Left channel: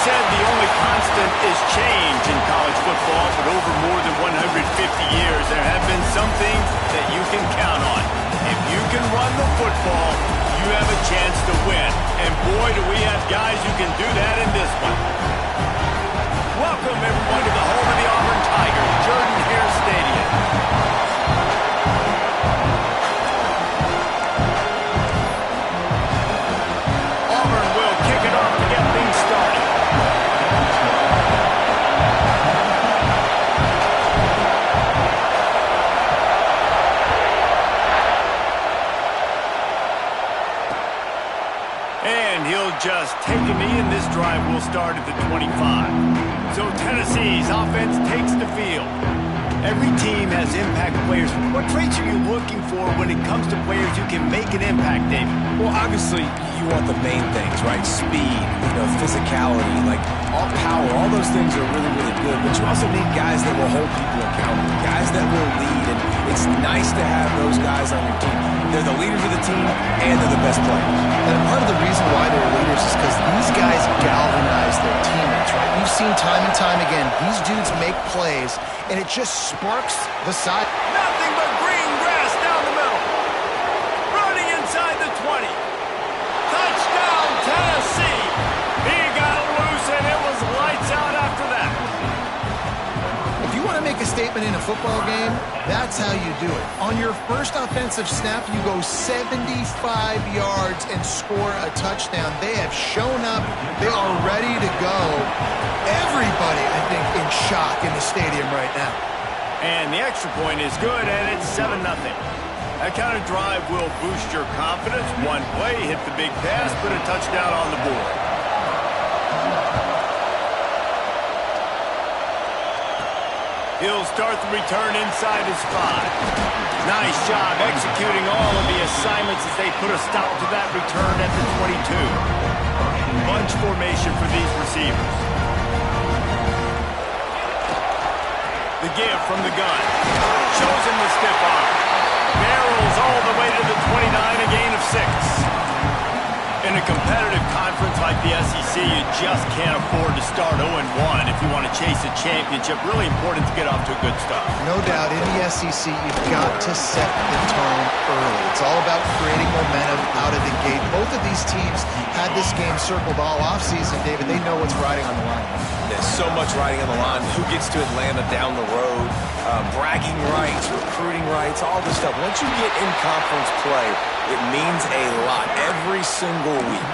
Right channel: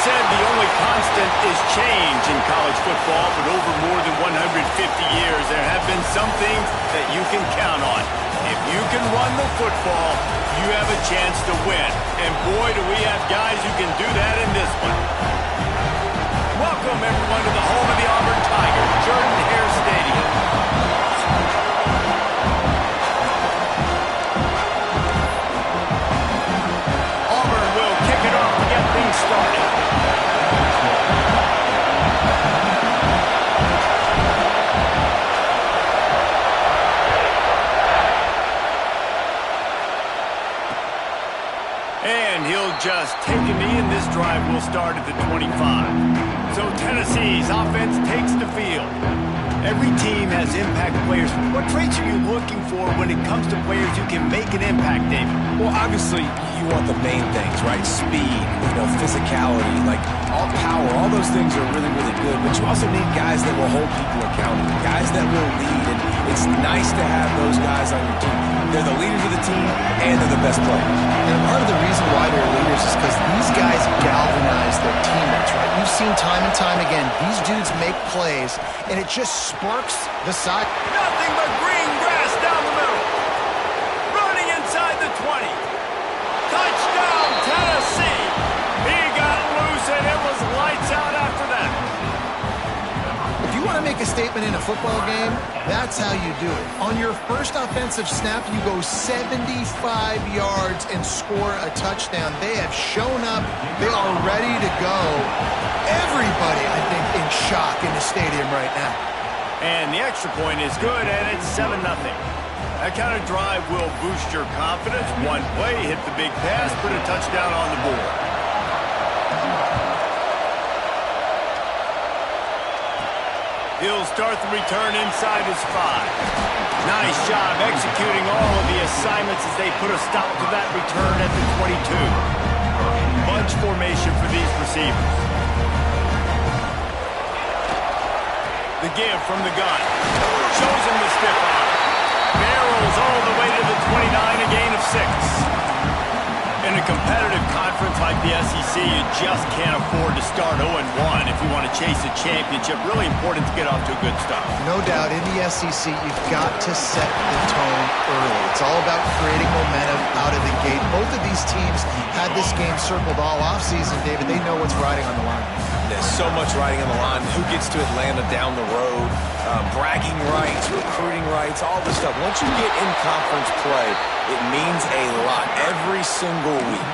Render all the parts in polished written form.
said the only constant is change in college football, but over more than 150 years, there have been some things that you can count on. If you can run the football, you have a chance to win. And boy, do we have guys who can do that in this one. Welcome, everyone, to the home of the Auburn Tigers, Jordan-Hare Stadium. Auburn will kick it off to get things started. And he'll just take a knee, and this drive will start at the 25. So Tennessee's offense takes the field. Every team has impact players. What traits are you looking for when it comes to players who can make an impact, David? Well, obviously, you want the main things, right? Speed, physicality, like all power. All those things are really, really good. But you also need guys that will hold people accountable, guys that will lead. And it's nice to have those guys on your team. They're the leaders of the team, and they're the best players. And part of the reason why they're leaders is because these guys galvanize their teammates, right? We've seen time and time again, these dudes make plays, and it just sparks the side. Nothing but green grass down the middle. Running inside the 20. Touchdown, Tennessee. He got loose, and it was lights out after that. If you want to make a statement in a football game, that's how you do it. On your first offensive snap, you go 75 yards and score a touchdown. They have shown up. They are ready to go. Everybody, I think, in shock in the stadium right now. And the extra point is good, and it's 7-0. That kind of drive will boost your confidence. One play, hit the big pass, put a touchdown on the board. He'll start the return inside his 5. Nice job executing all of the assignments as they put a stop to that return at the 22. Bunch formation for these receivers. The give from the gun. Shows him the stiff arm. Barrels all the way to the 29, a gain of 6. In a competitive conference like the SEC, you just can't afford to start 0-1 if you want to chase a championship. Really important to get off to a good start. No doubt, in the SEC, you've got to set the tone early. It's all about creating momentum out of the gate. Both of these teams had this game circled all offseason, David. They know what's riding on the line. There's so much riding on the line. Who gets to Atlanta down the road? Bragging rights, recruiting rights, all this stuff. Once you get in conference play, it means a lot every single week.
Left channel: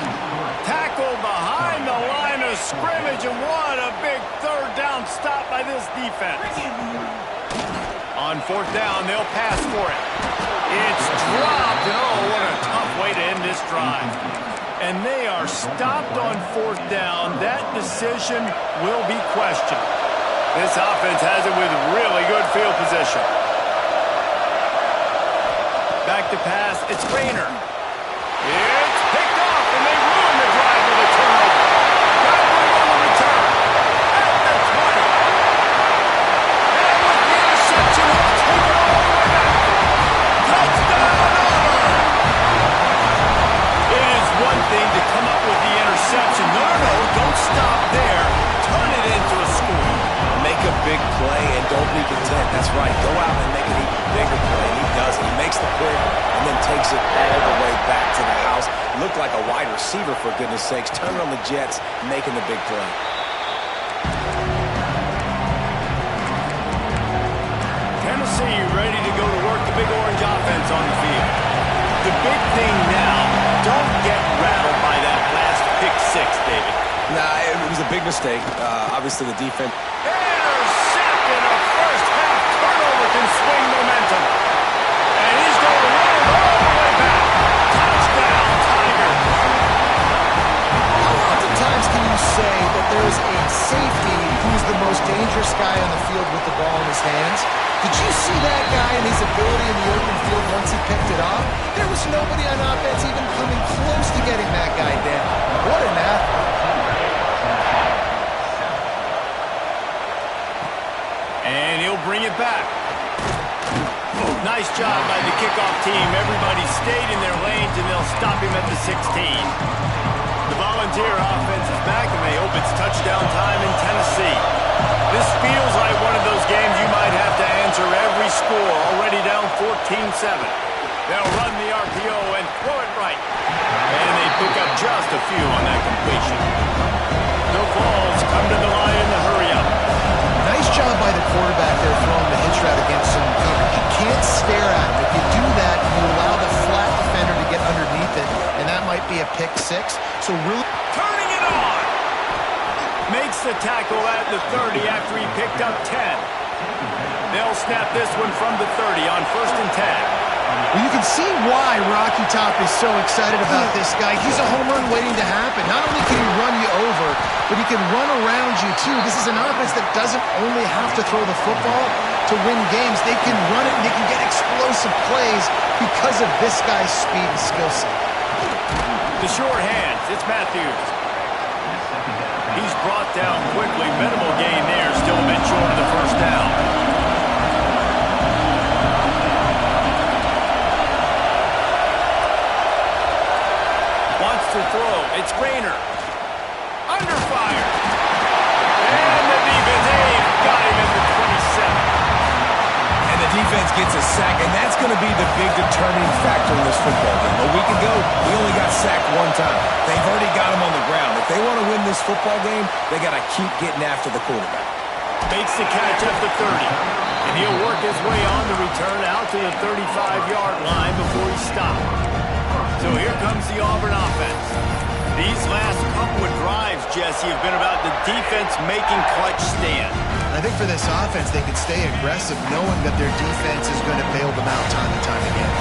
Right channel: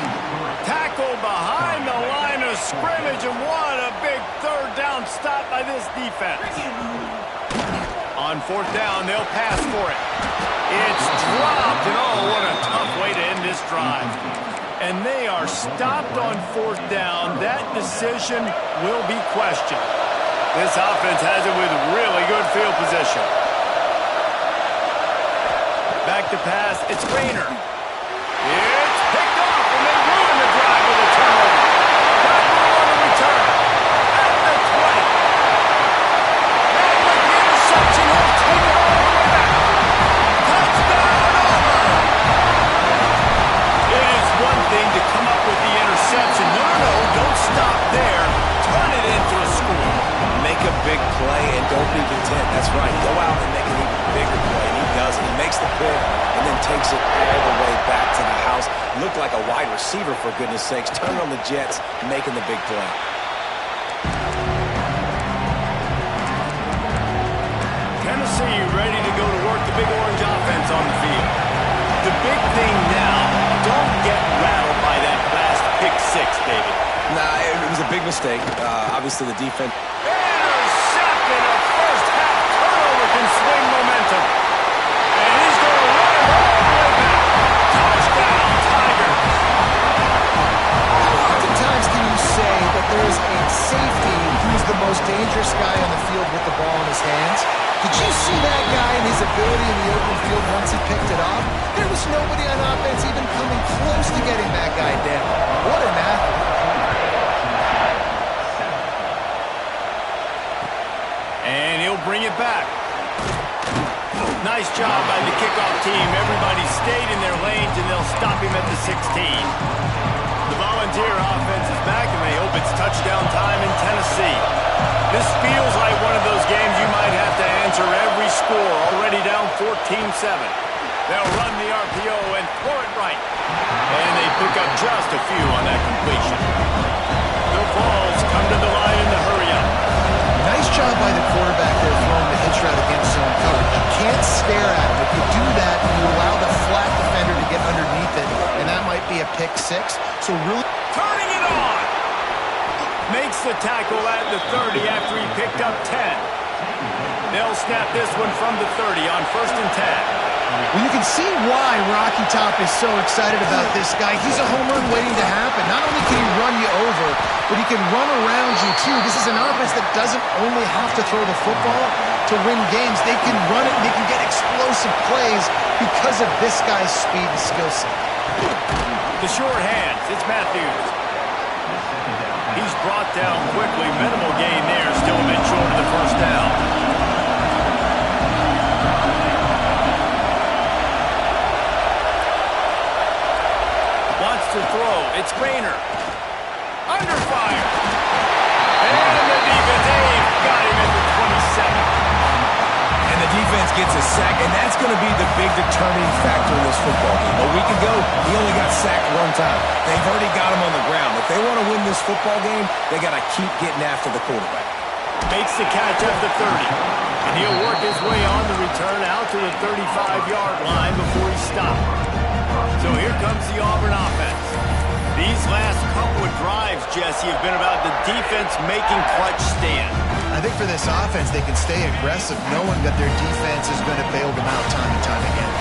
Tackle behind the line of scrimmage, and what a big third down stop by this defense. On 4th down, they'll pass for it. It's dropped, and oh, what a tough way to end this drive. And they are stopped on 4th down. That decision will be questioned. This offense has it with really good field position. Back to pass, it's Rayner. It's picked off, and they ruin the drive with a turnover. Got move on the return. At the 20. And with the interception, he'll take it all the way back. Touchdown, Auburn! It is one thing to come up with the interception. No, don't stop there. Turn it into a score. Make a big play and don't be content. That's right. Go out and make an even bigger play, and he does it. He makes the pick and then takes it all the way back to the house. Looked like a wide receiver, for goodness sakes. Turn it on the Jets, making the big play. Tennessee ready to go to work the big orange offense on the field. The big thing now, don't get rattled by that last pick 6, David. Nah, it was a big mistake. Obviously, the defense. Intercepted. A first-half turnover can swing momentum. And he's going to run it all the way back. Touchdown, Tigers. How oftentimes can you say that there's a safety who's the most dangerous guy on the field with the ball in his hands? Did you see that guy and his ability in the open field once he picked it off? There was nobody on offense even coming close to getting that guy down. What an athlete. And he'll bring it back. Nice job by the kickoff team. Everybody stayed in their lanes, and they'll stop him at the 16. The Volunteer offense is back, and they hope it's touchdown time in Tennessee. This feels like one of those games you might have to answer every score. Already down 14-7. They'll run the RPO and throw it right. And they pick up just a few on that completion. The Vols come to the line in the hurry-up. Nice job by the quarterback there throwing the hitch route against zone coverage. You can't stare at him. If you do that, you allow the flat defender to get underneath it, and that might be a pick 6. So really turning it on. Makes the tackle at the 30 after he picked up 10. They'll snap this one from the 30 on 1st and 10. Well, you can see why Rocky Top is so excited about this guy. He's a home run waiting to happen. Not only can he run you over, but he can run around you, too. This is an offense that doesn't only have to throw the football to win games. They can run it, and they can get explosive plays because of this guy's speed and skill set. The short hands, it's Matthews. He's brought down quickly. Minimal gain there, still a bit short of the 1st down. Wants to throw. It's Rayner. Under fire. And the defense, they've got him at the 27. And the defense gets a sack, and that's going to be the big determining factor in this football game. A week ago, he only got sacked 1 time. They've already got him on the ground. If they want to win this football game, they got to keep getting after the quarterback. Makes the catch at the 30. And he'll work his way on the return out to the 35-yard line before he's stopped. So here comes the Auburn offense. These last couple of drives, Jesse, have been about the defense making clutch stand. I think for this offense, they can stay aggressive knowing that their defense is going to bail them out time and time again.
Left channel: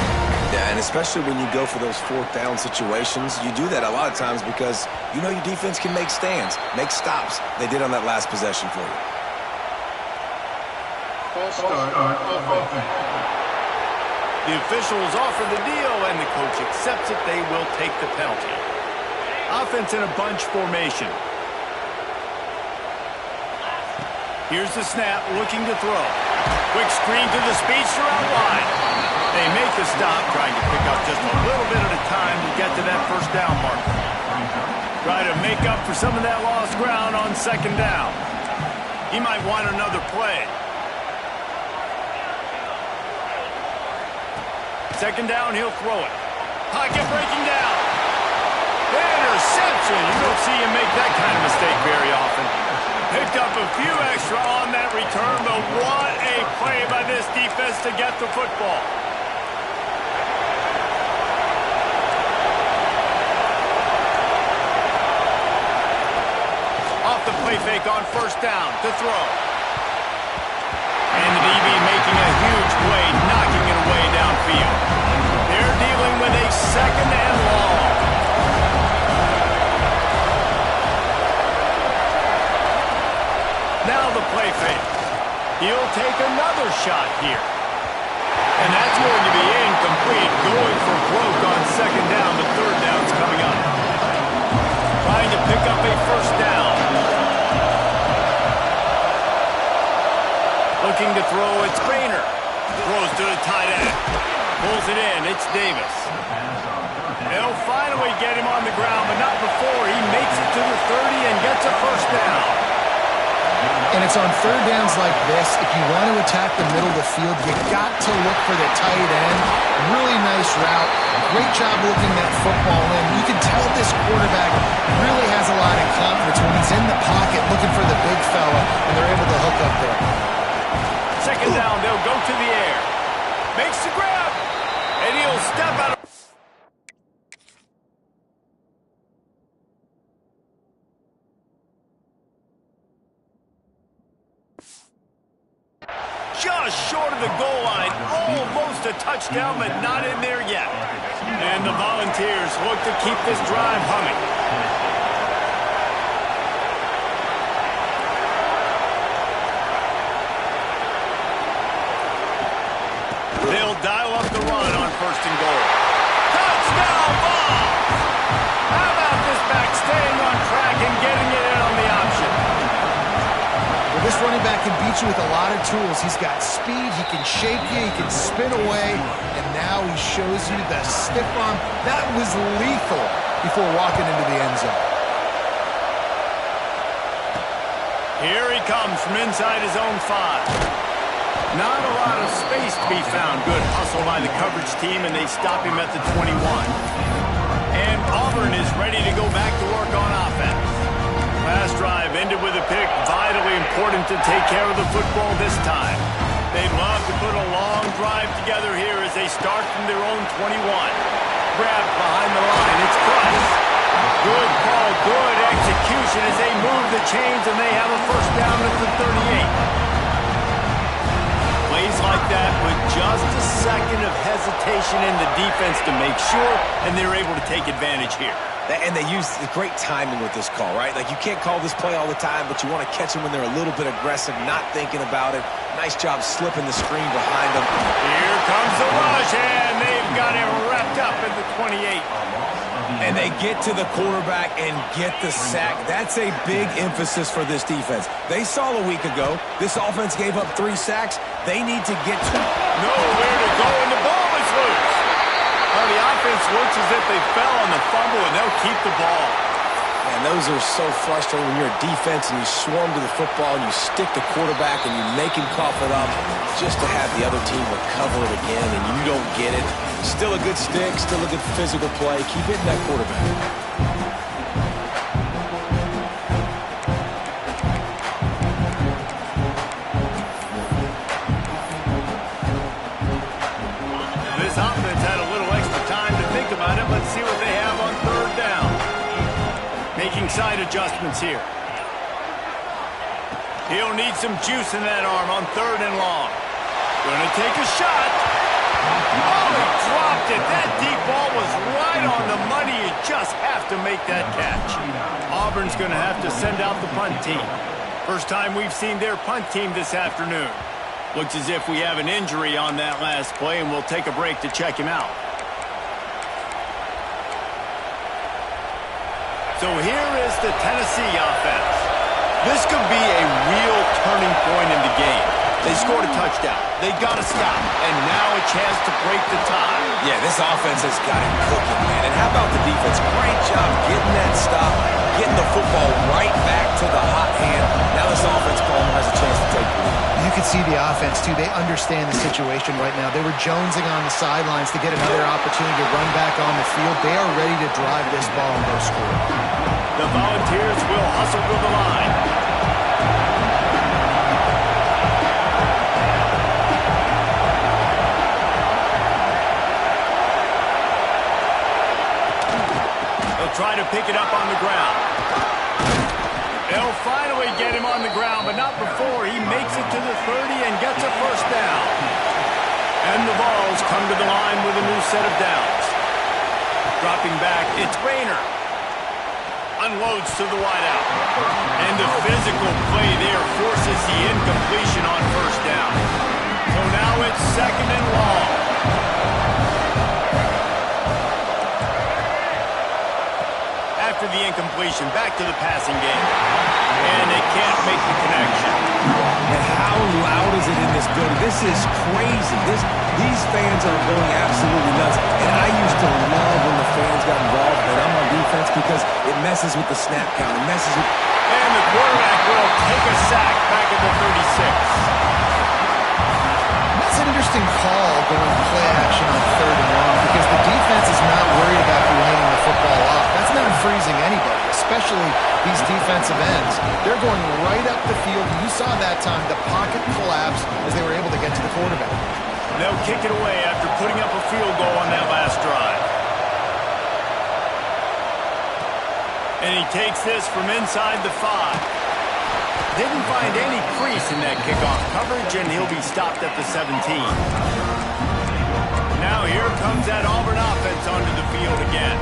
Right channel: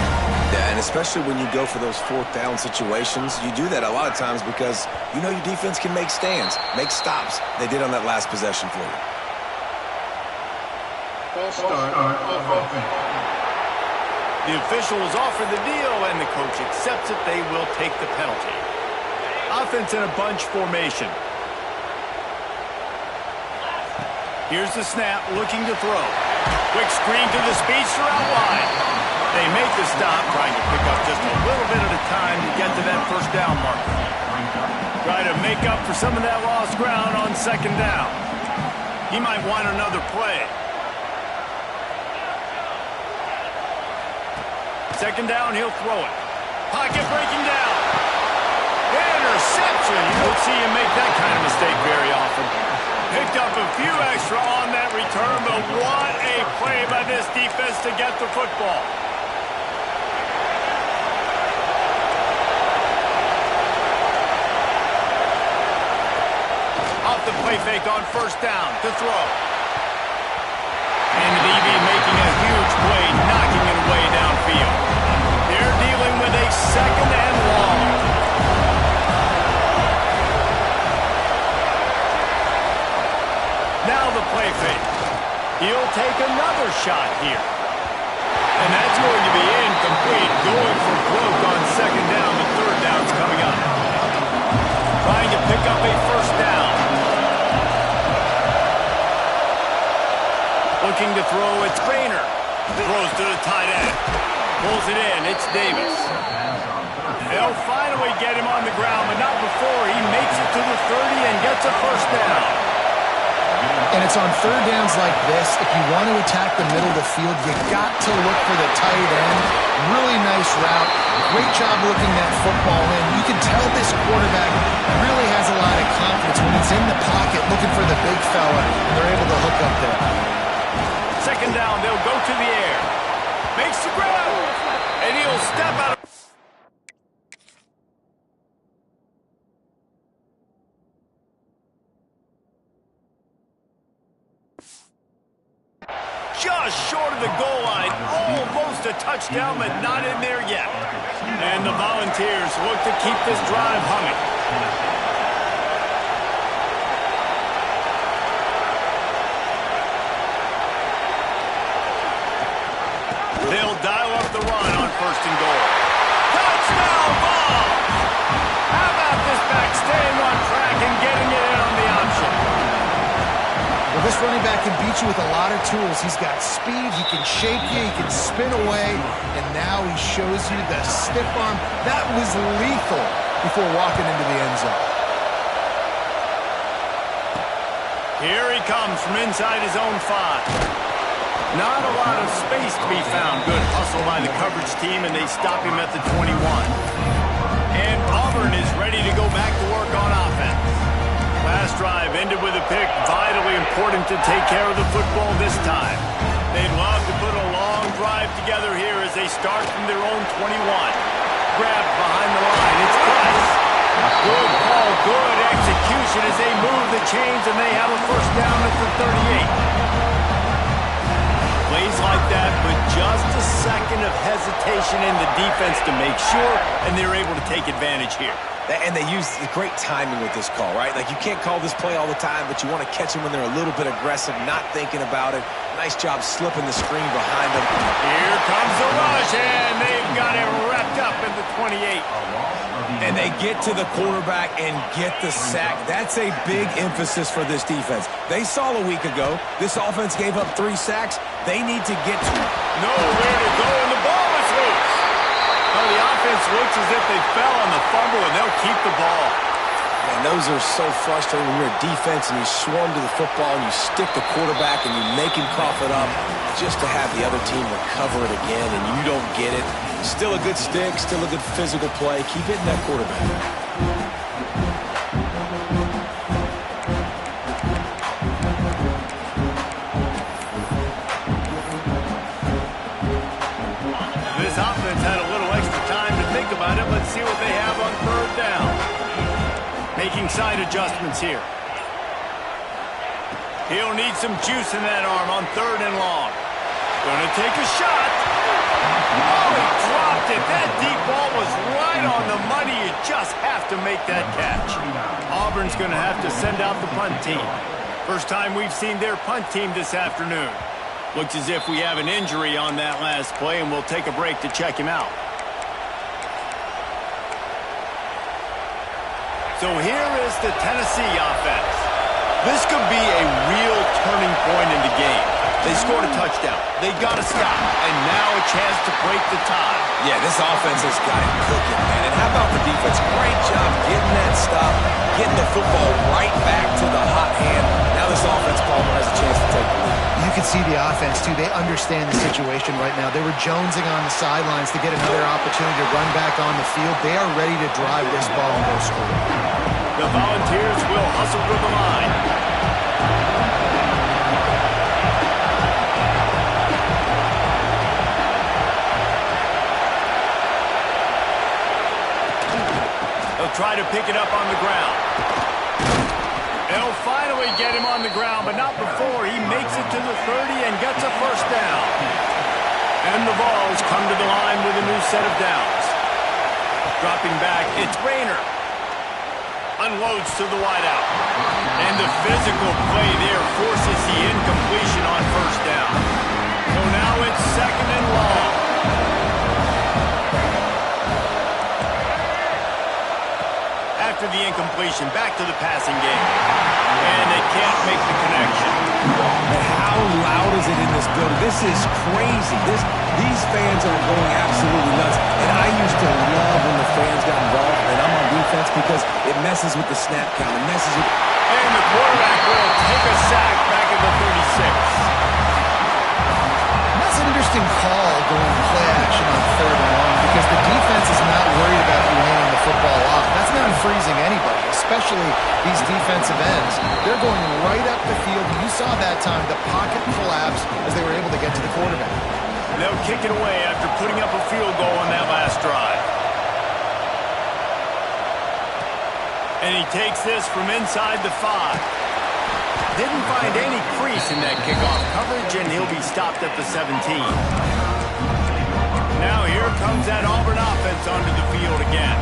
Yeah, and especially when you go for those fourth down situations, you do that a lot of times because you know your defense can make stands, make stops. They did on that last possession for you. False start offense. The officials offer the deal, and the coach accepts it. They will take the penalty. Offense in a bunch formation. Here's the snap, looking to throw. Quick screen to the speedster out wide. They make the stop, trying to pick up just a little bit at a time to get to that first down marker. Try to make up for some of that lost ground on second down. He might want another play. Second down, he'll throw it. Pocket breaking down. Interception. You don't see him make that kind of mistake very often. Picked up a few extra on that return, but what a play by this defense to get the football. Off the play fake on first down to throw. And the DB making a huge play, knocking it away downfield. They're dealing with a second and long. Now the play fake. He'll take another shot here. And that's going to be incomplete. Going for broke on second down, but third down's coming up. Trying to pick up a first down. Looking to throw, it's Rainer. Throws to the tight end. Pulls it in, it's Davis. They'll finally get him on the ground, but not before he makes it to the 30 and gets a first down. And it's on third downs like this, if you want to attack the middle of the field, you got to look for the tight end. Really nice route. Great job looking that football in. You can tell this quarterback really has a lot of confidence when he's in the pocket looking for the big fella, and they're able to hook up there. Second down, they'll go to the air. Makes the grab, and he'll step out of... Just short of the goal line, almost a touchdown, but not in there yet. And the Volunteers look to keep this drive humming. They'll dial up the run on first and goal. Touchdown ball! How about this back staying on track and getting it in on the option? Well, this running back can beat you with a lot of tools. He's got speed, he can shake you, he can spin away, and now he shows you the stiff arm. That was lethal before walking into the end zone. Here he comes from inside his own 5. Not a lot of space to be found. Good hustle by the coverage team, and they stop him at the 21. And Auburn is ready to go back to work on offense. Last drive ended with a pick. Vitally important to take care of the football this time. They'd love to put a long drive together here as they start from their own 21. Grabbed behind the line. It's Price. Good call, good execution as they move the chains, and they have a first down at the 38. Plays like that, but just a second of hesitation in the defense to make sure, and they're able to take advantage here. And they use the great timing with this call, right? Like, you can't call this play all the time, but you want to catch them when they're a little bit aggressive, not thinking about it. Nice job slipping the screen behind them. Here comes the rush, and they've got it wrapped up in the 28. And they get to the quarterback and get the sack. That's a big emphasis for this defense. They saw a week ago, this offense gave up 3 sacks. They need to get to it. Nowhere to go, and the ball is loose. Well, the offense looks as if they fell on the fumble, and they'll keep the ball. Man, those are so frustrating when you're a defense and you swarm to the football and you stick the quarterback and you make him cough it up just to have the other team recover it again and you don't get it. Still a good stick, still a good physical play. Keep hitting that quarterback. This offense had a little extra time to think about it. Let's see what they have on third down. Making side adjustments here. He'll need some juice in that arm on third and long. Gonna take a shot. Oh, he dropped it. deep ball was right on the money. You just have to make that catch. Auburn's going to have to send out the punt team. First time we've seen their punt team this afternoon. Looks as if we have an injury on that last play, and we'll take a break to check him out. So here is the Tennessee offense. This could be a real turning point in the game. They scored a touchdown. They got a stop. And now a chance to break the tie. Yeah, this offense has got it cooking, man. And how about the defense? Great job getting that stop, getting the football right back to the hot hand. Now this offense, Palmer, has a chance to take the lead. You can see the offense, too. They understand the situation right now. They were jonesing on the sidelines to get another opportunity to run back on the field. They are ready to drive this ball and go score. The Volunteers will hustle to the line. They'll try to pick it up on the ground. They'll finally get him on the ground, but not before he makes it to the 30 and gets a first down. And the Vols come to the line with a new set of downs. Dropping back, it's Rayner. Unloads to the wideout. And the physical play there forces the incompletion on first down. So now it's second and long. After the incompletion, back to the passing game. And they can't make the connection. And how loud is it in this building? This is crazy. These fans are going absolutely nuts. And I used to love when the fans got involved, and I'm on defense, because it messes with the snap count. It messes with... And the quarterback will take a sack back at the 36. That's an interesting call going play action on third and long, because the defense is not worried about you handing the football off. That's not freezing anybody, especially these defensive ends. They're going right up the field. You saw that time the pocket collapse as they were able to get to the quarterback. They'll kick it away after putting up a field goal on that last drive. And he takes this from inside the 5. Didn't find any crease in that kickoff coverage, and he'll be stopped at the 17. Now here comes that Auburn offense onto the field again.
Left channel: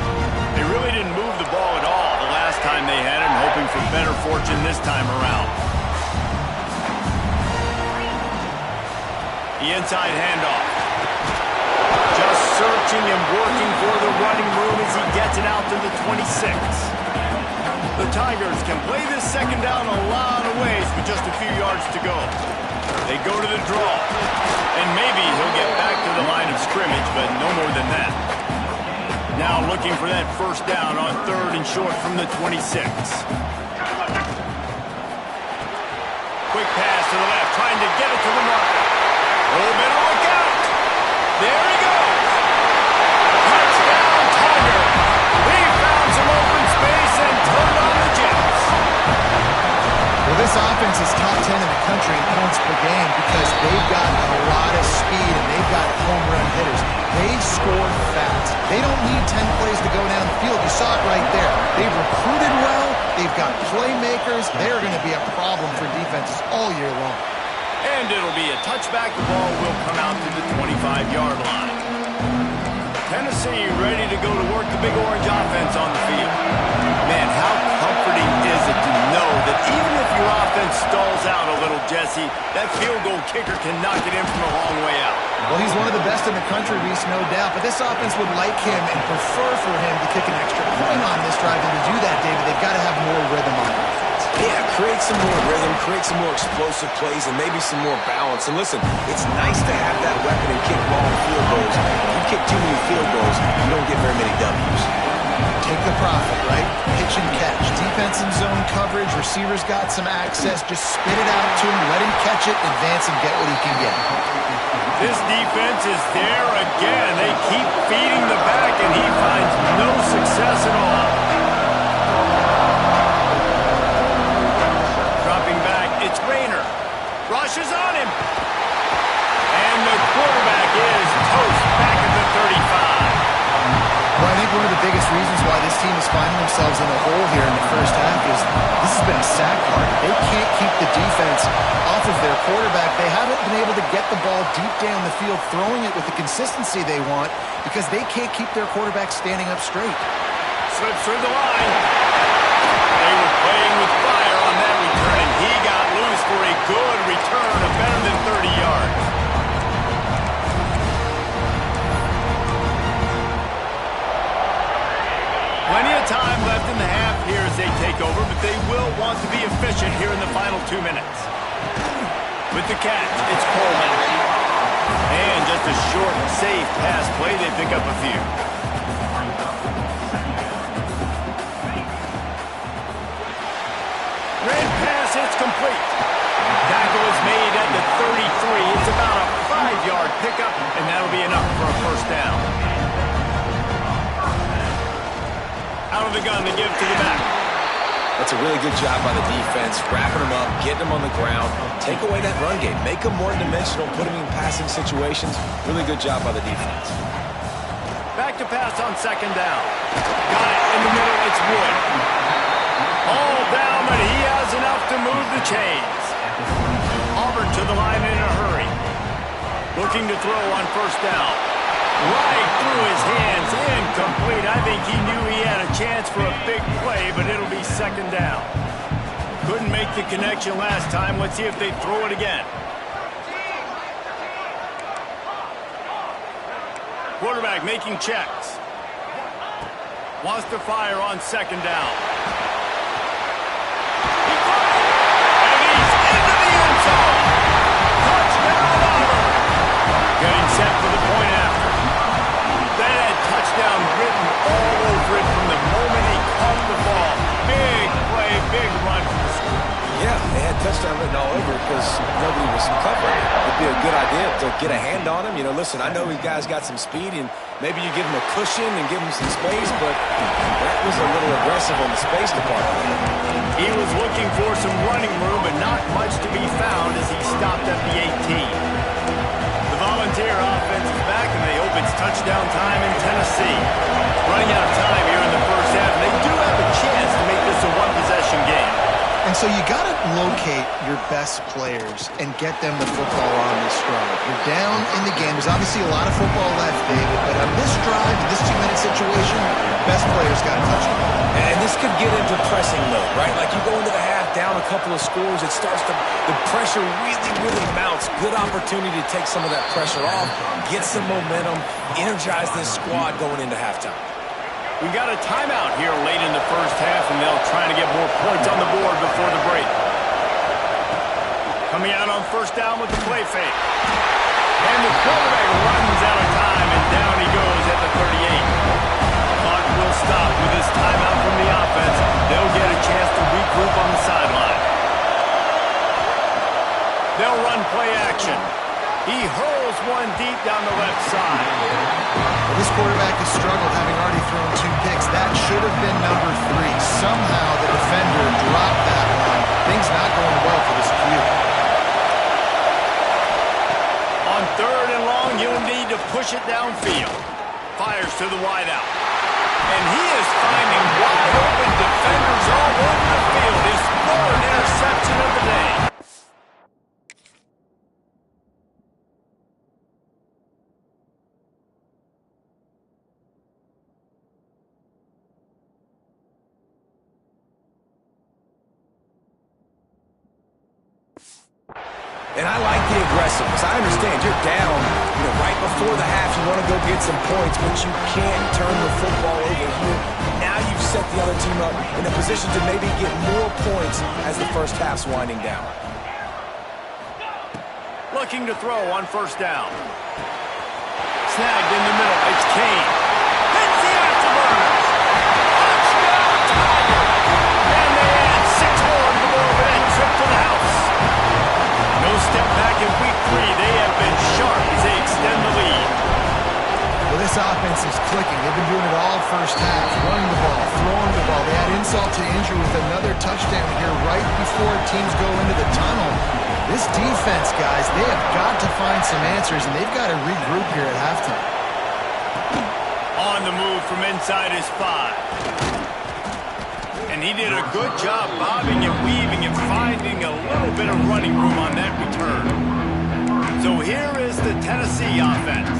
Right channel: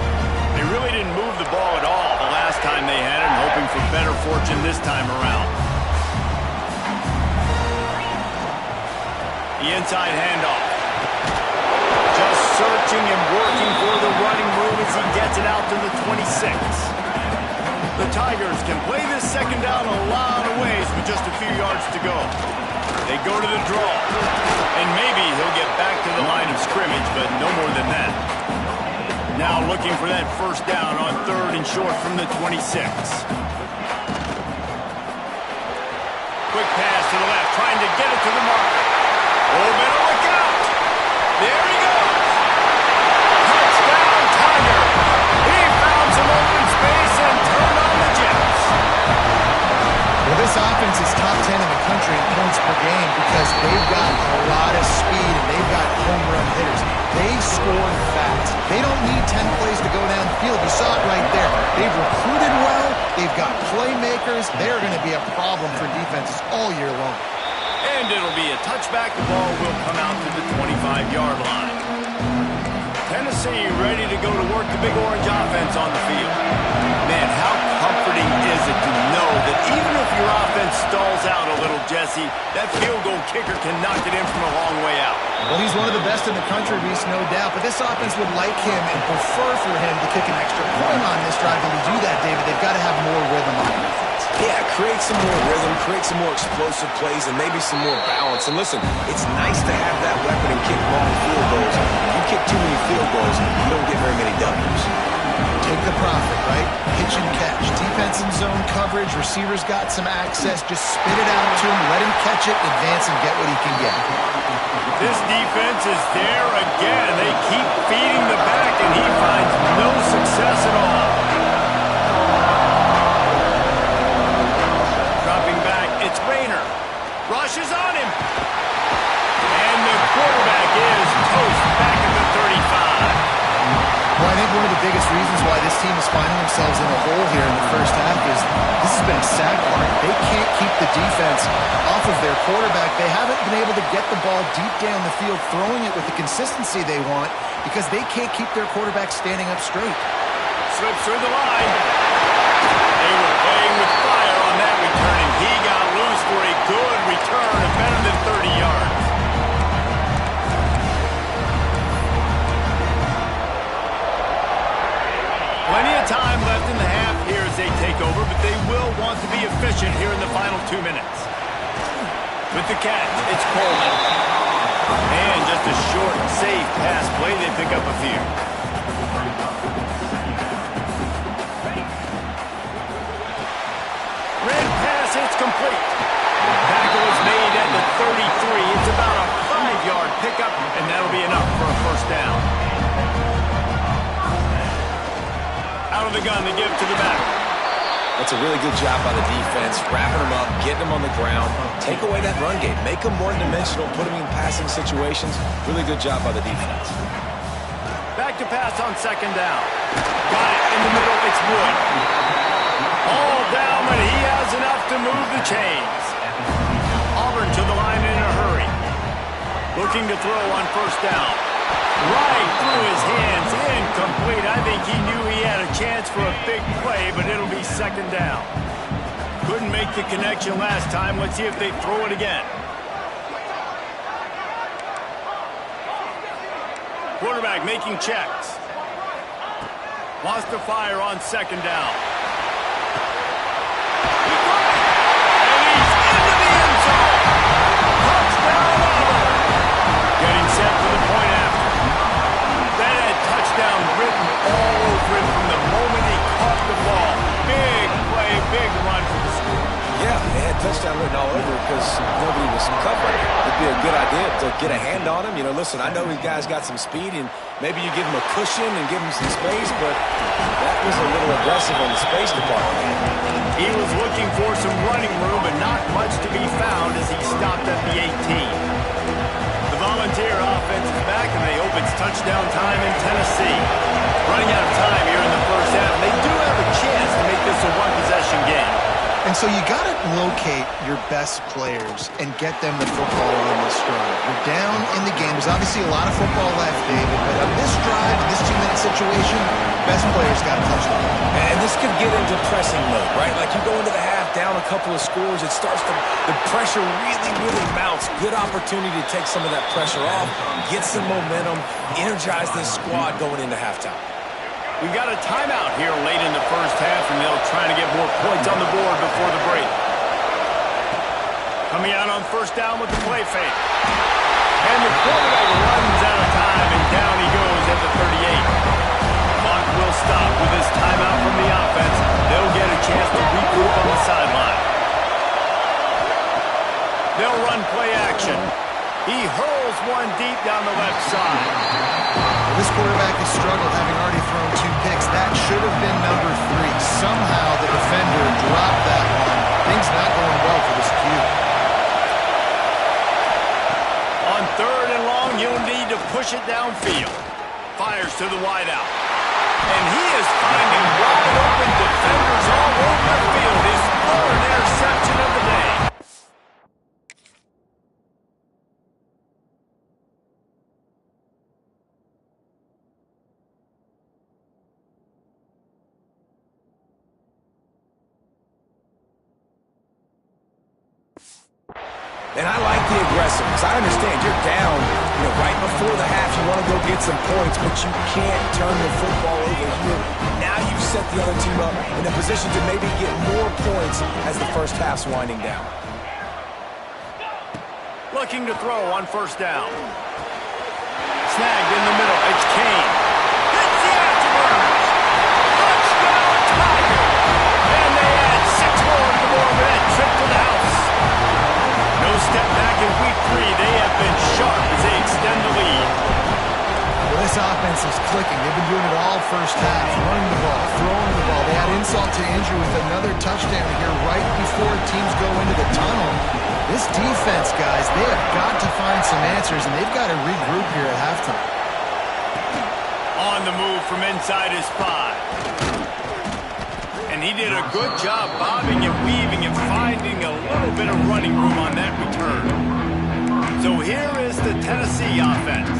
They really didn't move the ball at all the last time they had it, and hoping for better fortune this time around. The inside handoff. Just searching and working for the running room as he gets it out to the 26. The Tigers can play this second down a lot of ways with just a few yards to go. They go to the draw. And maybe he'll get back to the line of scrimmage, but no more than that. Now looking for that first down on third and short from the 26. Quick pass to the left, trying to get it to the marker. Oh, better look out. There he goes. Touchdown, Tiger. He found some open space and turned on the Jets. Well, this offense is top 10 in the country in points per game because they've got a lot of speed and they've got home run hitters. They scored fast. They don't need 10 plays to go down the field. You saw it right there. They've recruited well. They've got playmakers. They're going to be a problem for defenses all year long. And it'll be a touchback. The ball will come out to the 25-yard line. Tennessee ready to go to work the Big Orange offense on the field. Man, how comforting is it to know that even if your offense stalls out a little, Jesse, that field goal kicker can knock it in from a long way out. Well, he's one of the best in the country, Reese, no doubt. But this offense would like him and prefer for him to kick an extra point on this drive. And to do that, David, they've got to have more rhythm on offense. Yeah, create some more rhythm, create some more explosive plays, and maybe some more balance. And listen, it's nice to have that weapon and kick long field goals. If you kick too many field goals, you don't get very many W's. Take the profit, right? Pitch and catch. Defense in zone coverage. Receivers got some access. Just spit it out to him. Let him catch it, advance, and get what he can get. This defense is there again. They keep feeding the back, and he finds no success at all. Dropping back, it's Rayner. Rushes on him. And the quarterback is toast back at the 35. Well, I think one of the biggest reasons why this team is finding themselves in a hole here in the first half is this has been a sack party. They can't keep the defense off of their quarterback. They haven't been able to get the ball deep down the field, throwing it with the consistency they want because they can't keep their quarterback standing up straight. Slips through the line. They were playing with fire on that return, and he got loose for a good return of better than 30 yards. Plenty of time left in the half here as they take over, but they will want to be efficient here in the final 2 minutes. With the catch, it's Coleman. And just a short, safe pass play, they pick up a few. Red pass, it's complete. Tackle is made at the 33. It's about a 5-yard pickup, and that'll be enough for a first down. Out of the gun to give to the back. That's a really good job by the defense, wrapping them up, getting them on the ground. Take away that run game. Make them one-dimensional, put them in passing situations. Really good job by the defense. Back to pass on second down. Got it in the middle. It's Wood. All down, but he has enough to move the chains. Auburn to the line in a hurry. Looking to throw on first down. Right through his hands, incomplete. I think he knew he had a chance for a big play, but it'll be second down. Couldn't make the connection last time. Let's see if they throw it again. Quarterback making checks. Wants to fire on second down. He caught it, and he's into the end zone. Touchdown, Auburn. Getting set for the point after. That had touchdown written all over it from the moment he caught the ball. Big play, big run for the score. Yeah, they had touchdown written all over it because nobody was covering it. It'd be a good idea to get a hand on him. You know, listen, I know these guys got some speed, and maybe you give him a cushion and give him some space, but that was a little aggressive on the space department. He was looking for some running room, but not much to be found as he stopped at the 18. The Volunteer offense is back, and they hope it's touchdown time in Tennessee. Running out of time here in the first half, and they do have a chance to make this a one-possession game. And so you got to locate your best players and get them the football on this drive. You're down in the game. There's obviously a lot of football left, David, but on this drive, in this 2-minute situation, best players got to touch the ball. And this could get into pressing mode, right? Like you go into the half, down a couple of scores, it starts to, the pressure really mounts. Good opportunity to take some of that pressure off, get some momentum, energize this squad going into halftime. We got a timeout here late in the first half, and they'll try to get more points on the board before the break. Coming out on first down with the play fake. And the quarterback runs out of time, and down he goes at the 38. Clock will stop with this timeout from the offense. They'll get a chance to regroup on the sideline. They'll run play action. He hurls one deep down the left side. Well, this quarterback has struggled, having already thrown 2 picks. That should have been number 3. Somehow the defender dropped that one. Things not going well for this Q. On third and long, you'll need to push it downfield. Fires to the wideout. And he is finding wide open defenders all over the field. His 3rd interception of the day. And I like the aggressiveness. I understand you're down, right before the half. You want to go get some points, but you can't turn the football over here. Now you've set the other team up in a position to maybe get more points as the first half's winding down. Looking to throw on first down. Snagged in the middle. It's Kane. Hits the afterburners. Touchdown, Tigers. And they add 6 more to the board with that trip to the house. No step back in week 3. They have been sharp as they extend the lead. Well, this offense is clicking. They've been doing it all first half. Running the ball, throwing the ball. They had insult to injury with another touchdown here right before teams go into the tunnel. This defense, guys, they have got to find some answers, and they've got to regroup here at halftime. On the move from inside his 5. And he did a good job bobbing and weaving and finding a little bit of running room on that return. So here is the Tennessee offense.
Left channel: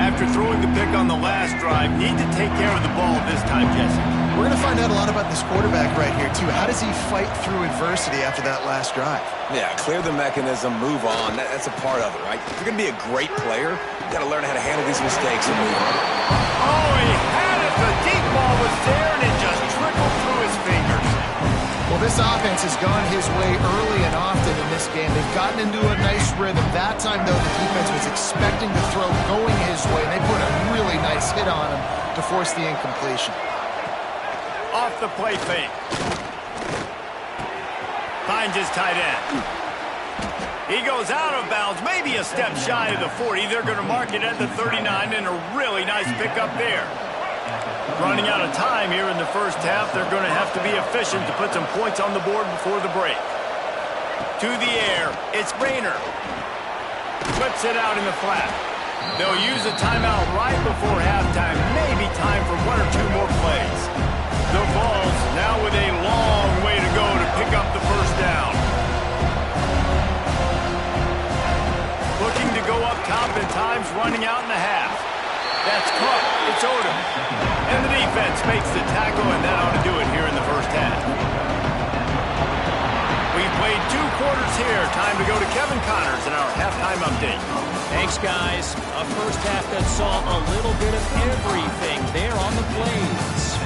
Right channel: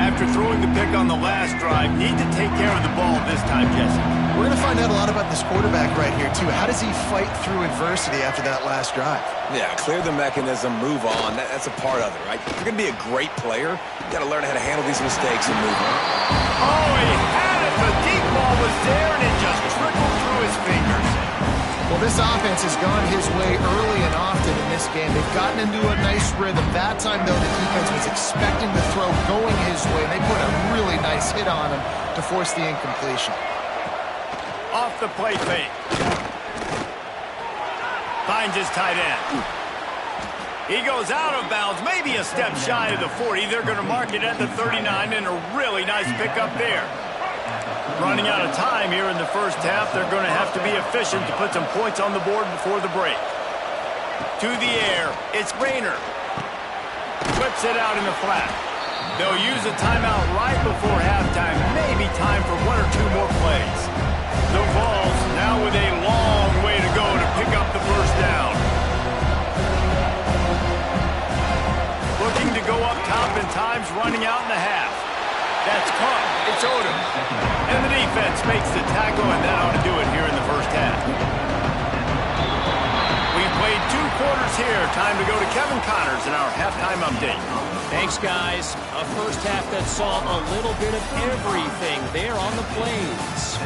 After throwing the pick on the last drive, need to take care of the ball this time, Jesse. We're going to find out a lot about this quarterback right here, too. How does he fight through adversity after that last drive? Yeah, clear the mechanism, move on. That's a part of it, right? If you're going to be a great player, you got to learn how to handle these mistakes and move on. Oh, he had it. The deep ball was there, and it just trickled through his fingers. Well, this offense has gone his way early and often in this game. They've gotten into a nice rhythm. That time, though, the defense was expecting the throw going his way, and they put a really nice hit on him to force the incompletion. Off the play fake. Finds his tight end. He goes out of bounds, maybe a step shy of the 40. They're going to mark it at the 39, and a really nice pickup there. Running out of time here in the first half, they're going to have to be efficient to put some points on the board before the break. To the air, it's Rayner. Whips it out in the flat. They'll use a timeout right before halftime, maybe time for 1 or 2 more plays. The Vols now with a long way to go to pick up the first down. Looking to go up top, and time's running out in the half. That's caught. It's Odom. And the defense makes the tackle, and that ought to do it here in the first half. We've played 2 quarters here. Time to go to Kevin Connors in our halftime update. Thanks, guys. A first half that saw a little bit of everything there on the plains.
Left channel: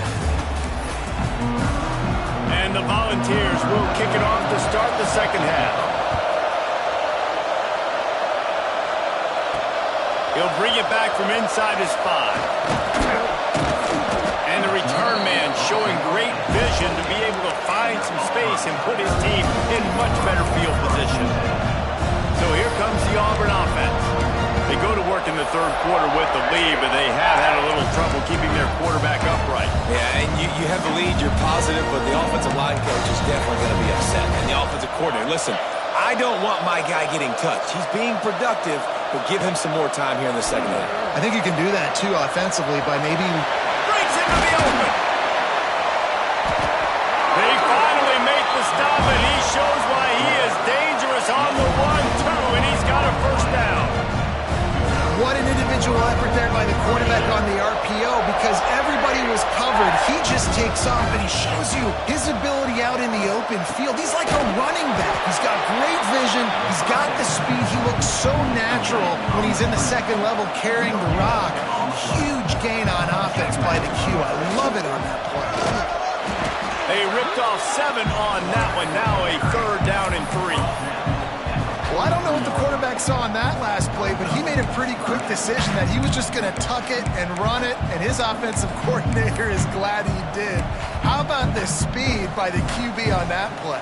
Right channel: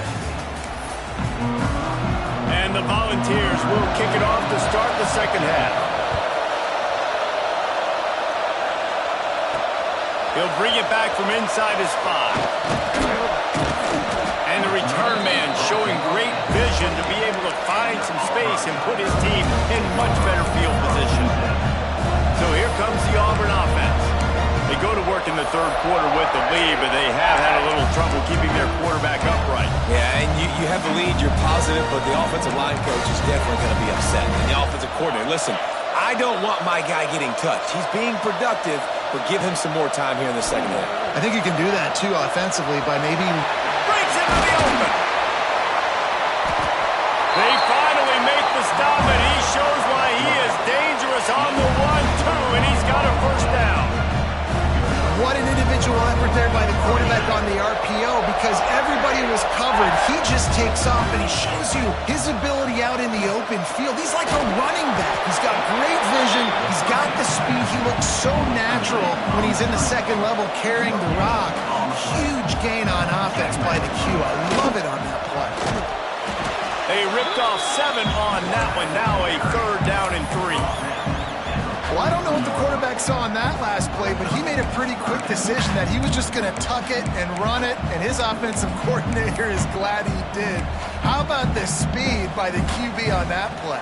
And the Volunteers will kick it off to start the second half. He'll bring it back from inside his 5. And the return man showing great vision to be able to find some space and put his team in much better field position. So here comes the Auburn offense. They go to work in the third quarter with the lead, but they have had a little trouble keeping their quarterback upright. Yeah, and you have the lead, you're positive, but the offensive line coach is definitely going to be upset. And the offensive coordinator, listen, I don't want my guy getting touched. He's being productive, but give him some more time here in the second half. I think you can do that, too, offensively by maybe... Breaks into the open. They finally make the stop, and he shows why he is dangerous on the 1-2, and he's got a first down. What an individual effort there by the quarterback on the RPO, because everybody was covered. He just takes off, and he shows you his ability out in the open field. He's like a running back. He's got great vision. He's got the speed. He looks so natural when he's in the second level carrying the rock. Huge gain on offense by the Q. I love it on that play. They ripped off 7 on that one. Now a 3rd down and 3. Well, I don't know what the quarterback saw on that last play, but he made a pretty quick decision that he was just going to tuck it and run it, and his offensive coordinator is glad he did. How about the speed by the QB on that play?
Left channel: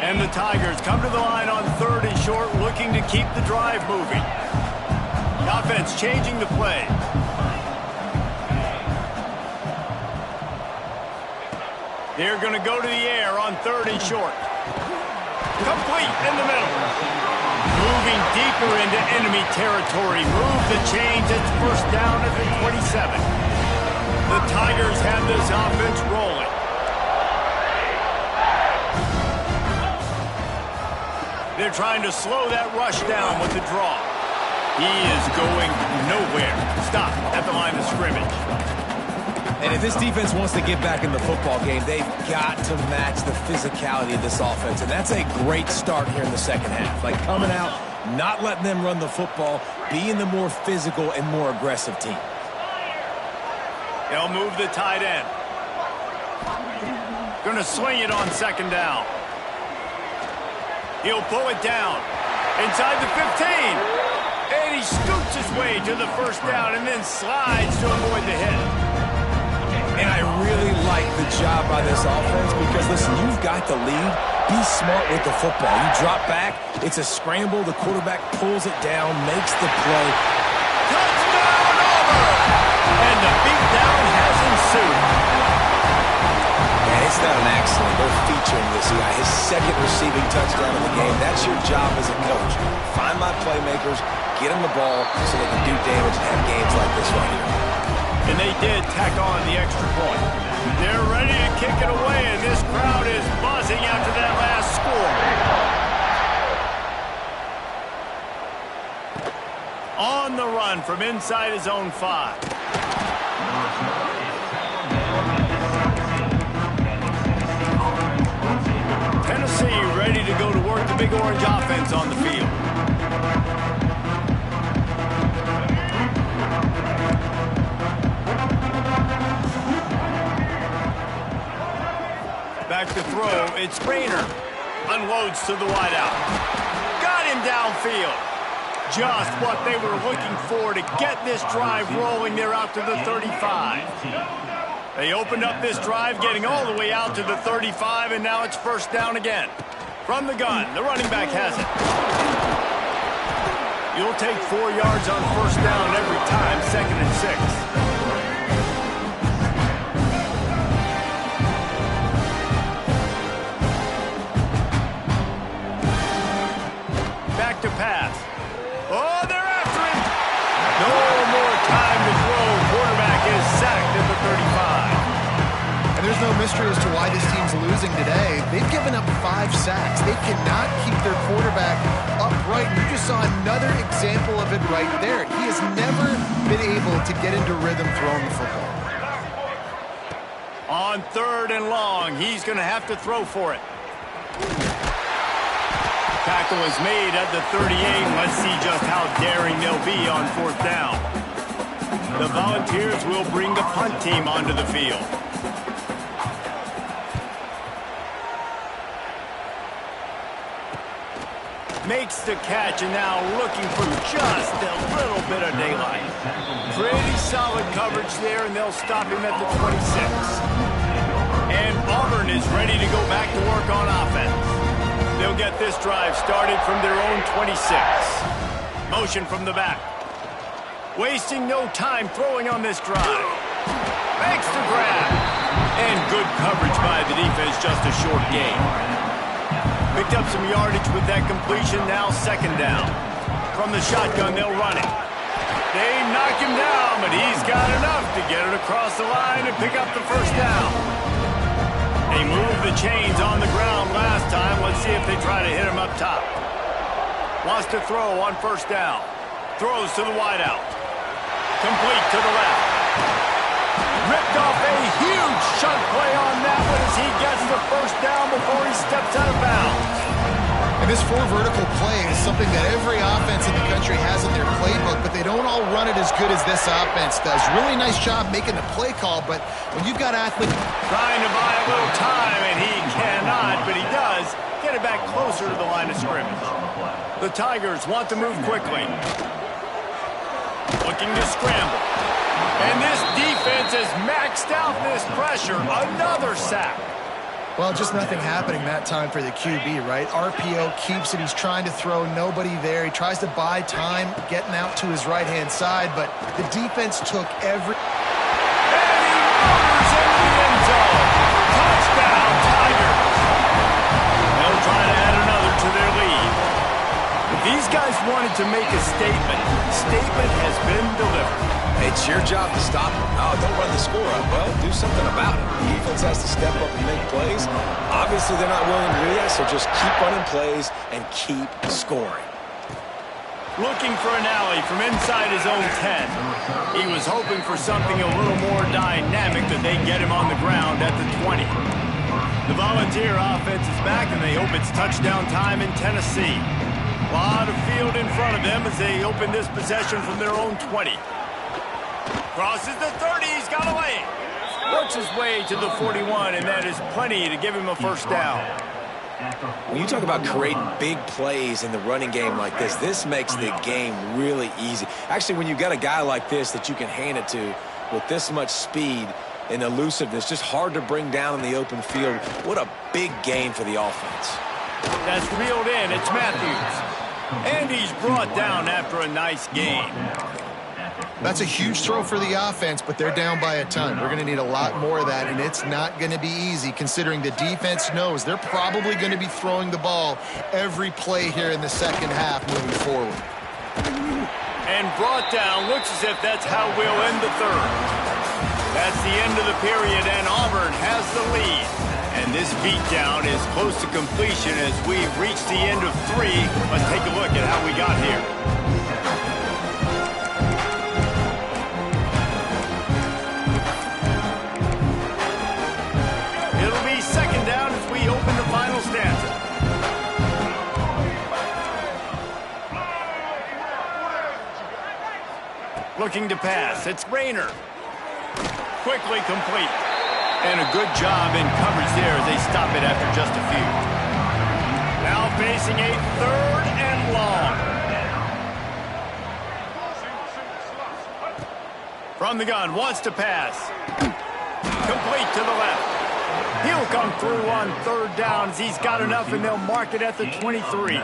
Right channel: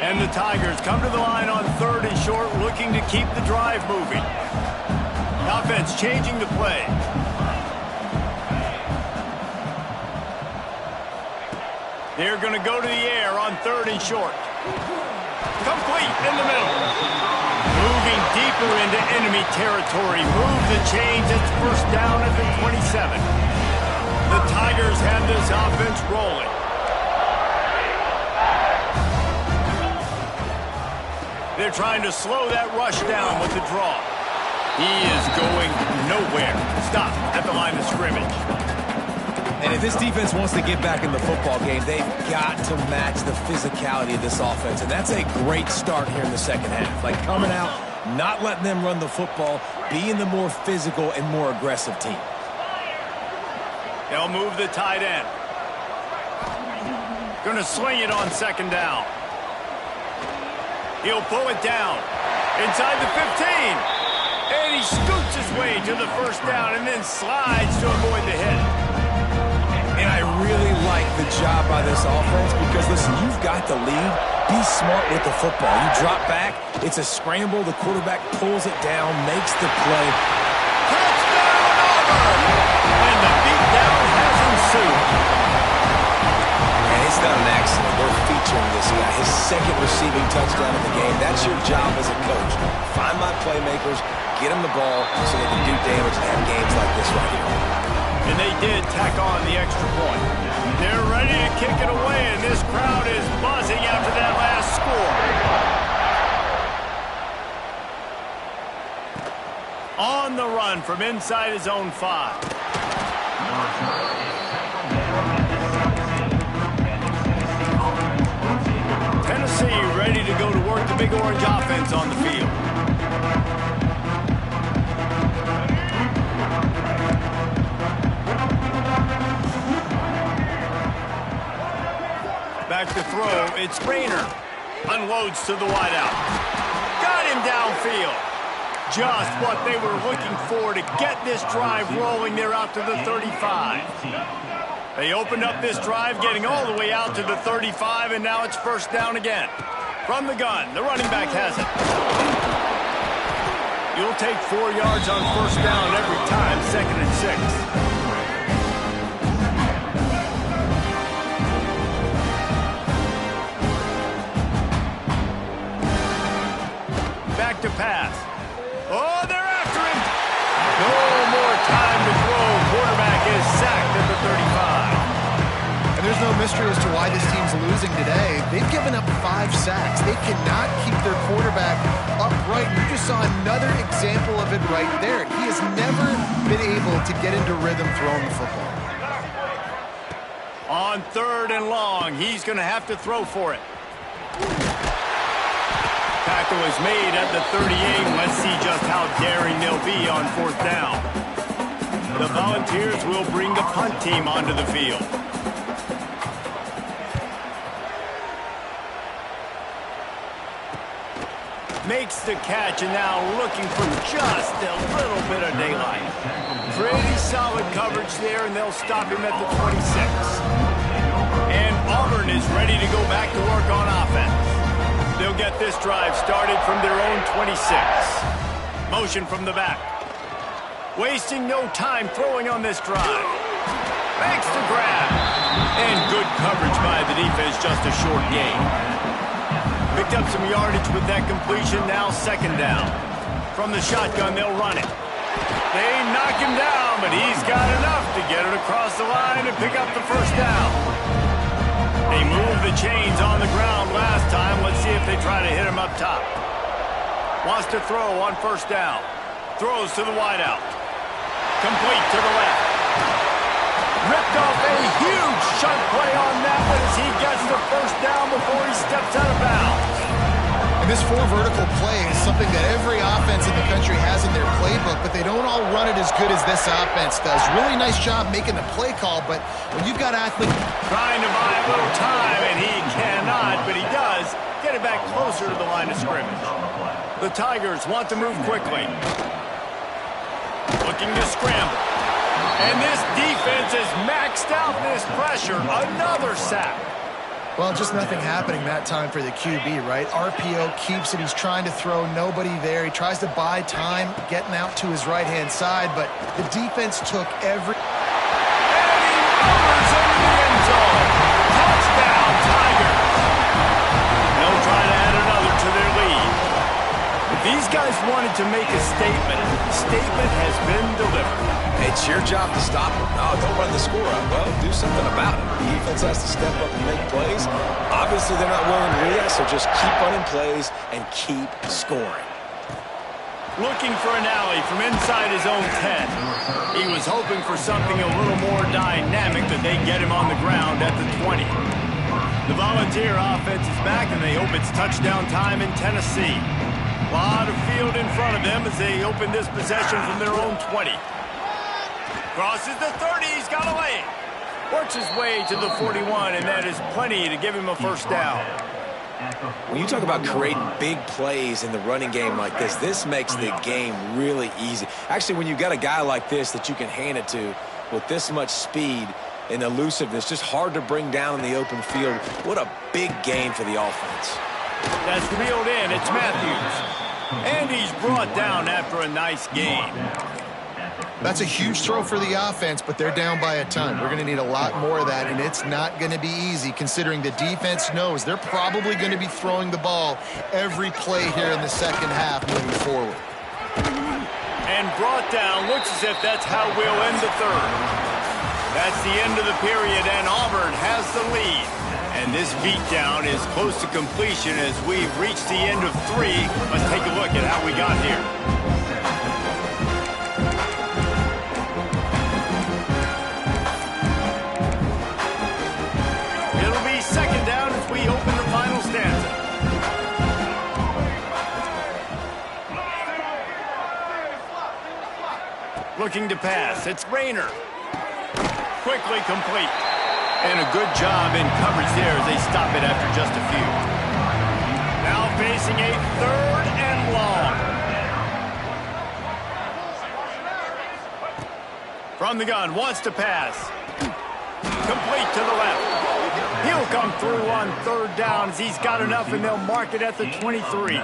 And the Tigers come to the line on 3rd and short, looking to keep the drive moving. The offense changing the play. They're going to go to the air on 3rd and short. Complete in the middle. Moving deeper into enemy territory. Move the chains. It's first down at the 27. The Tigers have this offense rolling. They're trying to slow that rush down with the draw. He is going nowhere. Stop at the line of scrimmage. And if this defense wants to get back in the football game, they've got to match the physicality of this offense. And that's a great start here in the second half. Like coming out, not letting them run the football, being the more physical and more aggressive team. They'll move the tight end. Going to swing it on 2nd down. He'll pull it down. Inside the 15. And he scoots his way to the first down and then slides to avoid the hit. And I really like the job by this offense because, listen, you've got the lead. Be smart with the football. You drop back. It's a scramble. The quarterback pulls it down, makes the play. Touchdown, Auburn! And the beatdown has ensued. And it's not an accident. They're featuring this guy. His 2nd receiving touchdown of the game. That's your job as a coach. Find my playmakers, get them the ball so they can do damage and have games like this right here. And they did tack on the extra point. They're ready to kick it away, and this crowd is buzzing after that last score. On the run from inside his own 5. Tennessee ready to go to work the Big Orange offense on the field. Back to throw, it's Rayner. Unloads to the wideout. Got him downfield. Just what they were looking for to get this drive rolling there out to the 35. They opened up this drive, getting all the way out to the 35, and now it's first down again. From the gun, the running back has it. You'll take 4 yards on first down every time, 2nd and 6. Back to pass. Oh, they're after him. No more time to throw. Quarterback is sacked at the 35. And there's no mystery as to why this team's losing today. They've given up 5 sacks. They cannot keep their quarterback upright. You just saw another example of it right there. He has never been able to get into rhythm throwing the football. On 3rd and long, he's going to have to throw for it. Tackle is made at the 38. Let's see just how daring they'll be on 4th down. The Volunteers will bring the punt team onto the field. Makes the catch and now looking for just a little bit of daylight. Pretty solid coverage there, and they'll stop him at the 26. And Auburn is ready to go back to work on offense. They'll get this drive started from their own 26. Motion from the back. Wasting no time throwing on this drive. Makes the grab. And good coverage by the defense, just a short gain. Picked up some yardage with that completion, now 2nd down. From the shotgun, they'll run it. They knock him down, but he's got enough to get it across the line and pick up the first down. They moved the chains on the ground last time. Let's see if they try to hit him up top. Wants to throw on first down. Throws to the wideout. Complete to the left. Ripped off a huge shunt play on that one as he gets the first down before he steps out of bounds. And this 4 vertical play is something that every offense in the country has in their playbook, but they don't all run it as good as this offense does. Really nice job making the play call, but when you've got athletes trying to buy a little time, and he cannot, but he does get it back closer to the line of scrimmage. The Tigers want to move quickly. Looking to scramble. And this defense has maxed out this pressure. Another sack. Well, just nothing happening that time for the QB, right? RPO keeps it. He's trying to throw. Nobody there. He tries to buy time getting out to his right-hand side, but the defense took every... And he motors into the end zone. Touchdown, Tigers. They'll try to add another to their lead. If these guys wanted to make a statement, the statement has been delivered. It's your job to stop them. No, don't run the score up. Well, do something about it. The defense has to step up and make plays. Obviously, they're not willing to do that, so just keep running plays and keep scoring. Looking for an alley from inside his own 10. He was hoping for something a little more dynamic that they get him on the ground at the 20. The Volunteer offense is back, and they hope it's touchdown time in Tennessee. A lot of field in front of them as they open this possession from their own 20. Crosses the 30, he's got a lane. Works his way to the 41, and that is plenty to give him a first down. When you talk about creating big plays in the running game like this makes the game really easy. Actually, when you've got a guy like this that you can hand it to with this much speed and elusiveness, just hard to bring down in the open field, what a big gain for the offense. That's reeled in, it's Matthews. And he's brought down after a nice gain. That's a huge throw for the offense, but they're down by a ton. We're going to need a lot more of that, and it's not going to be easy considering the defense knows they're probably going to be throwing the ball every play here in the second half moving forward. And brought down. Looks as if that's how we'll end the third. That's the end of the period, and Auburn has the lead. And this beatdown is close to completion as we've reached the end of 3. Let's take a look at how we got here. It'll be second down as we open the final stanza. Looking to pass. It's Rayner. Quickly complete. And a good job in coverage there as they stop it after just a few. Now facing a 3rd and long. From the gun, wants to pass. Complete to the left. He'll come through on 3rd down as he's got enough, and they'll mark it at the 23.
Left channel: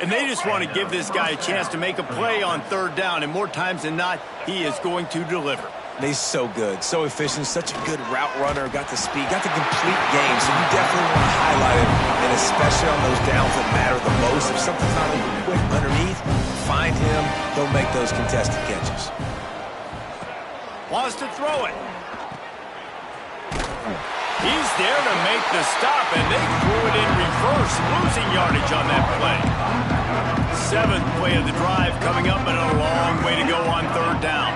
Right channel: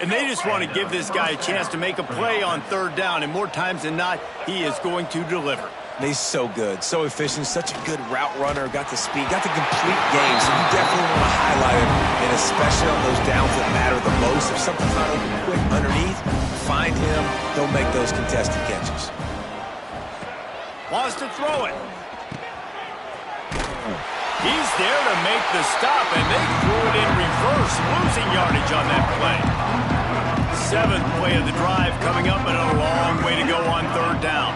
And they just want to give this guy a chance to make a play on 3rd down, and more times than not, he is going to deliver. He's so good, so efficient, such a good route runner, got the speed, got the complete game, so you definitely want to highlight him, and especially on those downs that matter the most. If something's not open quick underneath, find him, he'll make those contested catches. Wants to throw it. He's there to make the stop, and they threw it in reverse, losing yardage on that play. 7th play of the drive coming up, and a long way to go on 3rd down.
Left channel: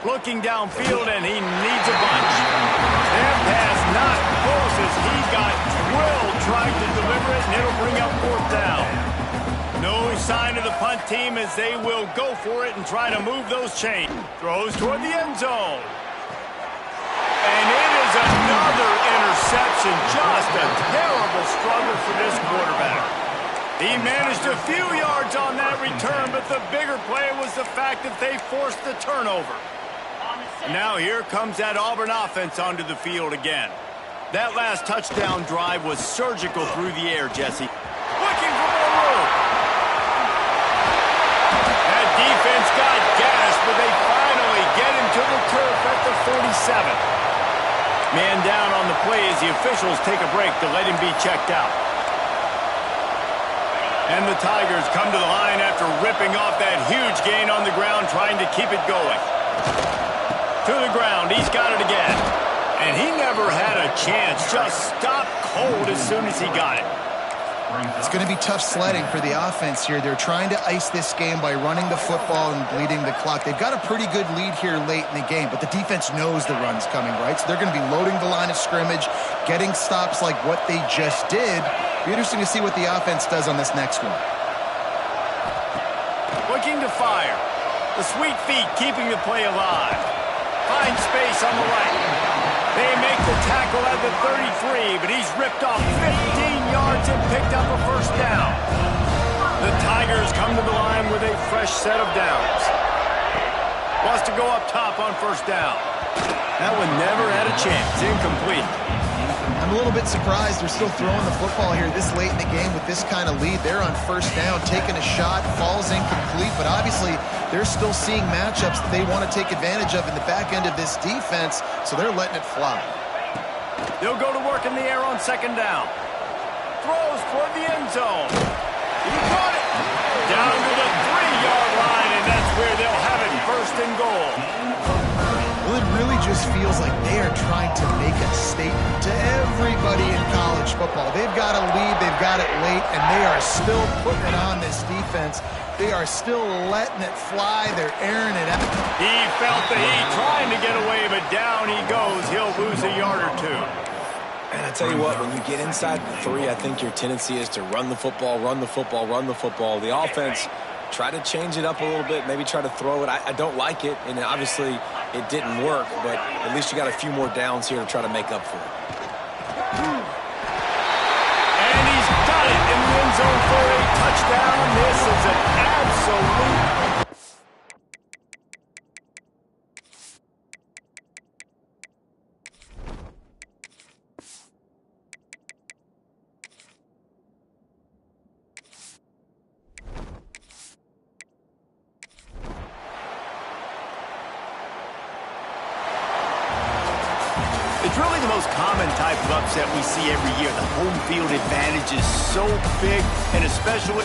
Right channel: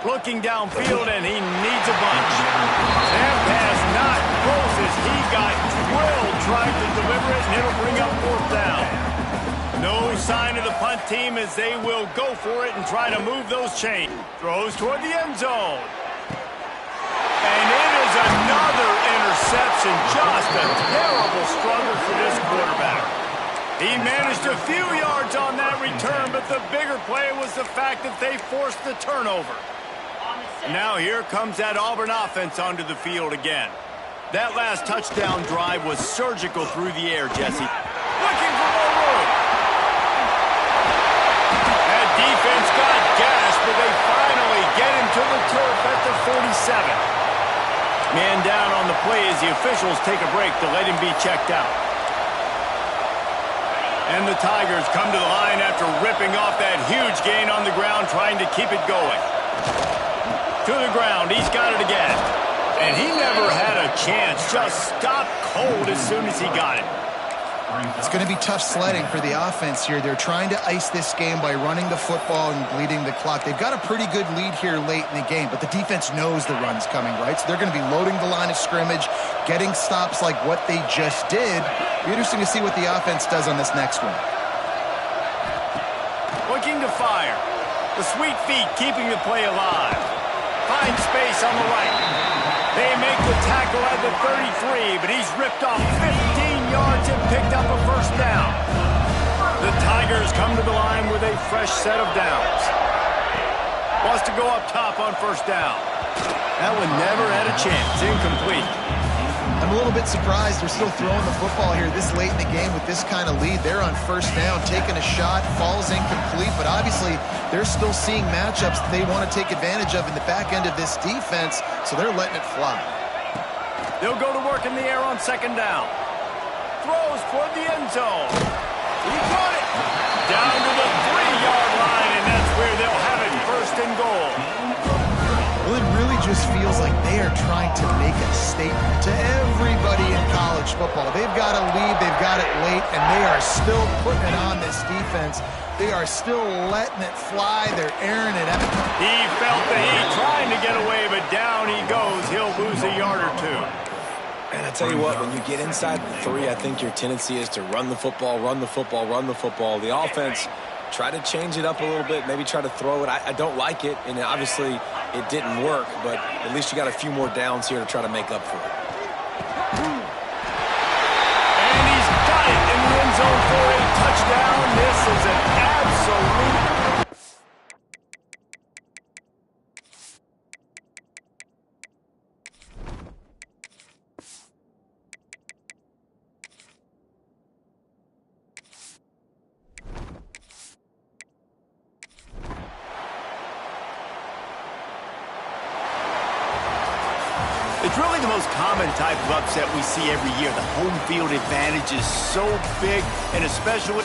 Looking downfield, and he needs a bunch. That pass not close as he got drilled trying to deliver it, and it'll bring up 4th down. No sign of the punt team as they will go for it and try to move those chains. Throws toward the end zone. And it is another interception. Just a terrible struggle for this quarterback. He managed a few yards on that return, but the bigger play was the fact that they forced the turnover. Now here comes that Auburn offense onto the field again. That last touchdown drive was surgical through the air, Jesse. Looking for more room. That defense got gashed, but they finally get him to the turf at the 47. Man down on the play as the officials take a break to let him be checked out. And the Tigers come to the line after ripping off that huge gain on the ground, trying to keep it going. To the ground, he's got it again. And he never had a chance, just stopped cold as soon as he got it. It's going to be tough sledding for the offense here. They're trying to ice this game by running the football and bleeding the clock. They've got a pretty good lead here late in the game, but the defense knows the run's coming, right? So they're going to be loading the line of scrimmage, getting stops like what they just did. Be interesting to see what the offense does on this next one. Looking to fire. The sweet feet keeping the play alive. Finds space on the right. They make the tackle at the 33, but he's ripped off 15 yards and picked up a 1st down. The Tigers come to the line with a fresh set of downs. Wants to go up top on 1st down. That one never had a chance. Incomplete. I'm a little bit surprised they're still throwing the football here this late in the game with this kind of lead. They're on 1st down, taking a shot, falls incomplete, but obviously they're still seeing matchups that they want to take advantage of in the back end of this defense, so they're letting it fly. They'll go to work in the air on 2nd down. Throws toward the end zone. He caught it. Down to the 3-yard line, and that's where they'll have it, 1st and goal. Well, it really just feels like they are trying to make a statement to everybody in college football. They've got a lead, they've got it late, and they are still putting it on this defense. They are still letting it fly. They're airing it out. He felt the heat trying to get away, but down he goes. He'll lose a yard or 2. And I tell you what, when you get inside the 3, I think your tendency is to run the football, run the football, run the football. The offense, try to change it up a little bit, maybe try to throw it. I don't like it, and obviously it didn't work, but at least you got a few more downs here to try to make up for it. And he's got it in the end zone for a touchdown. This is an absolute... It's really the most common type of upset we see every year. The home field advantage is so big, and especially...